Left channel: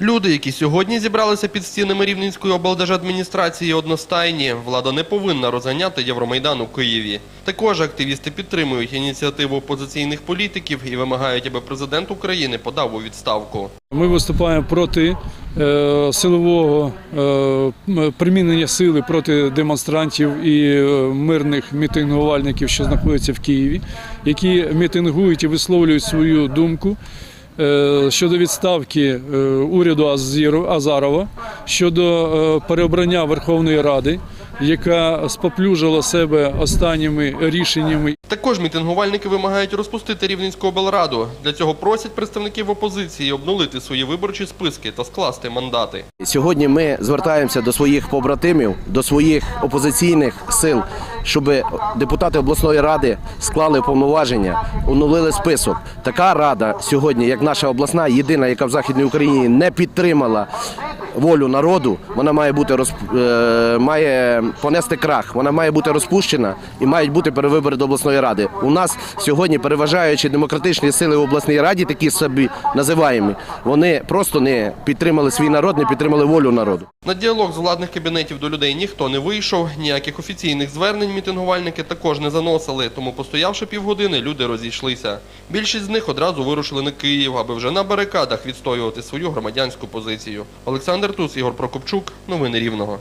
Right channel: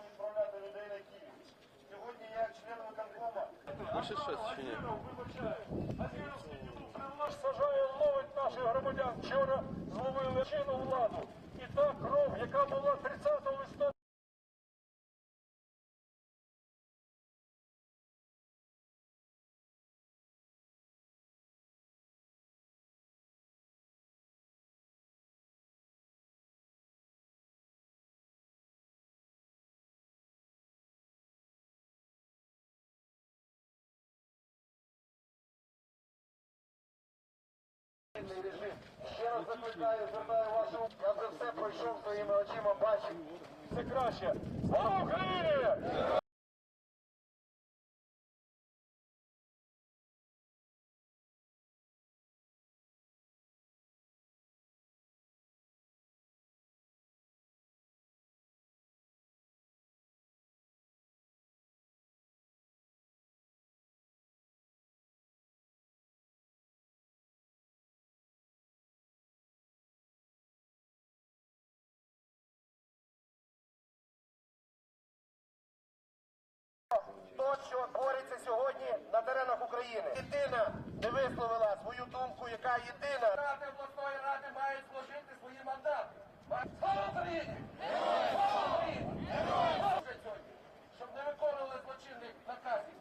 Люди, які сьогодні зібралися під стінами Рівненської облдержадміністрації, одностайні. Влада не повинна розганяти Євромайдан у Києві. Також активісти підтримують ініціативу опозиційних політиків і вимагають, аби президент України подав у відставку. Ми виступаємо проти е, силового е, примінення сили проти демонстрантів і е, мирних мітингувальників, що знаходяться в Києві, які мітингують і висловлюють свою думку. Е, Щодо відставки е, уряду Азарова, щодо е, переобрання Верховної Ради, яка споплюжила себе останніми рішеннями Також мітингувальники вимагають розпустити Рівненську облраду. Для цього просять представників опозиції обнулити свої виборчі списки та скласти мандати. Сьогодні ми звертаємося до своїх побратимів, до своїх опозиційних сил, щоб депутати обласної ради склали повноваження, оновили список. Така рада сьогодні, як наша обласна, єдина, яка в Західній Україні не підтримала волю народу, вона має бути розп... е, має понести крах. Вона має бути розпущена і мають бути перевибори до обласної ради. У нас сьогодні переважаючі демократичні сили в обласній раді, такі собі називаємо, вони просто не підтримали свій народ, не підтримали волю народу. На діалог з владних кабінетів до людей ніхто не вийшов. Ніяких офіційних звернень мітингувальники також не заносили. Тому, постоявши півгодини, люди розійшлися. Більшість з них одразу вирушили на Київ, аби вже на барикадах відстоювати свою громадянську позицію. Олександр Тус, Ігор Прокопчук. Новини Рівного.